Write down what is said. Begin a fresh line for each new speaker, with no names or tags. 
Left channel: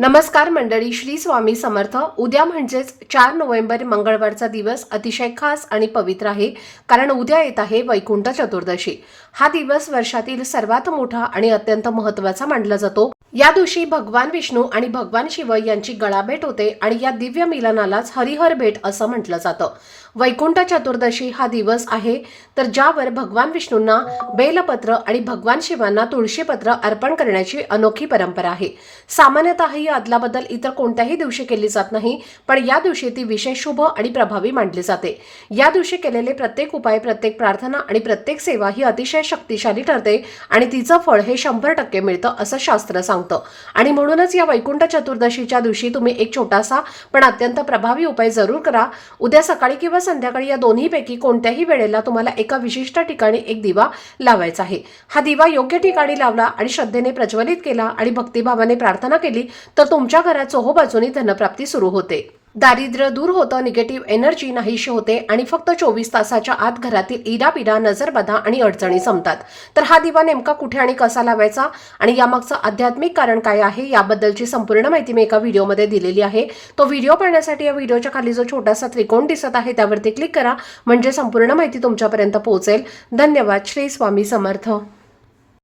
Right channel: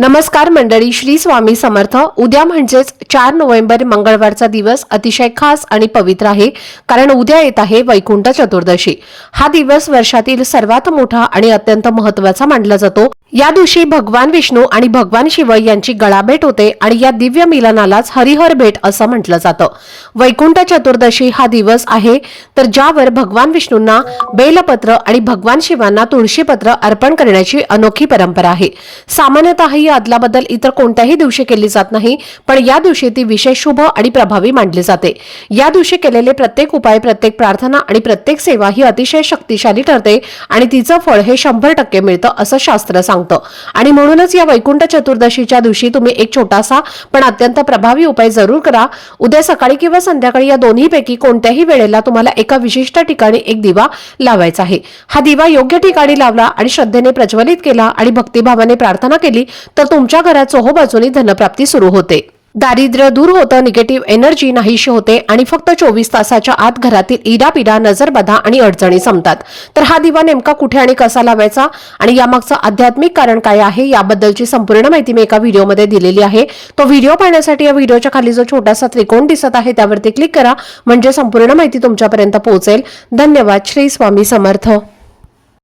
नमस्कार मंडळी श्री स्वामी समर्थ. उद्या म्हणजेच चार नोव्हेंबर मंगळवारचा दिवस अतिशय खास आणि पवित्र आहे कारण उद्या येत आहे वैकुंठ चतुर्दशी. हा दिवस वर्षातील सर्वात मोठा आणि अत्यंत महत्त्वाचा मानला जातो. या दिवशी भगवान विष्णू आणि भगवान शिव यांची गळाभेट होते आणि या दिव्य मिलनालाच हरिहर भेट असं म्हटलं जातं. वैकुंठ चतुर्दशी हा दिवस आहे तर ज्यावर भगवान विष्णूंना बेलपत्र आणि भगवान शिवांना तुळशीपत्र अर्पण करण्याची अनोखी परंपरा आहे. सामान्यतः ही अदलाबदल इतर कोणत्याही दिवशी केली जात नाही पण या दिवशी ती विशेष शुभ आणि प्रभावी मानली जाते. या दिवशी केलेले प्रत्येक उपाय प्रत्येक प्रार्थना आणि प्रत्येक सेवा ही अतिशय शक्तिशाली ठरते आणि तिचं फळ हे शंभर टक्के मिळतं असं शास्त्र सांगतं. आणि म्हणूनच या वैकुंठ चतुर्दशीच्या दिवशी तुम्ही एक छोटासा पण अत्यंत प्रभावी उपाय जरूर करा. उद्या सकाळी किंवा संध्याकाळी या दोन्हीपैकी कोणत्याही वेळेला तुम्हाला एका विशिष्ट ठिकाणी एक दिवा लावायचा आहे. हा दिवा योग्य ठिकाणी लावला आणि श्रद्धेने प्रज्वलित केला आणि भक्तिभावाने प्रार्थना केली तर तुमच्या घरात चोहोबाजूनी धनप्राप्ती सुरू होते. दारिद्र्य दूर होतं निगेटिव्ह एनर्जी नाहीशी होते आणि फक्त चोवीस तासाच्या आत घरातील इरापिरा नजरबाधा आणि अडचणी संपतात. तर हा दिवा नेमका कुठे आणि कसा लावायचा आणि यामागचं आध्यात्मिक कारण काय आहे याबद्दलची संपूर्ण माहिती मी एका व्हिडिओमध्ये दिलेली आहे. तो व्हिडिओ पाहण्यासाठी या व्हिडिओच्या खाली जो छोटासा त्रिकोण दिसत आहे त्यावरती क्लिक करा. म्हणजे संपूर्ण माहिती तुमच्यापर्यंत पोहोचेल. धन्यवाद. श्री स्वामी समर्थ.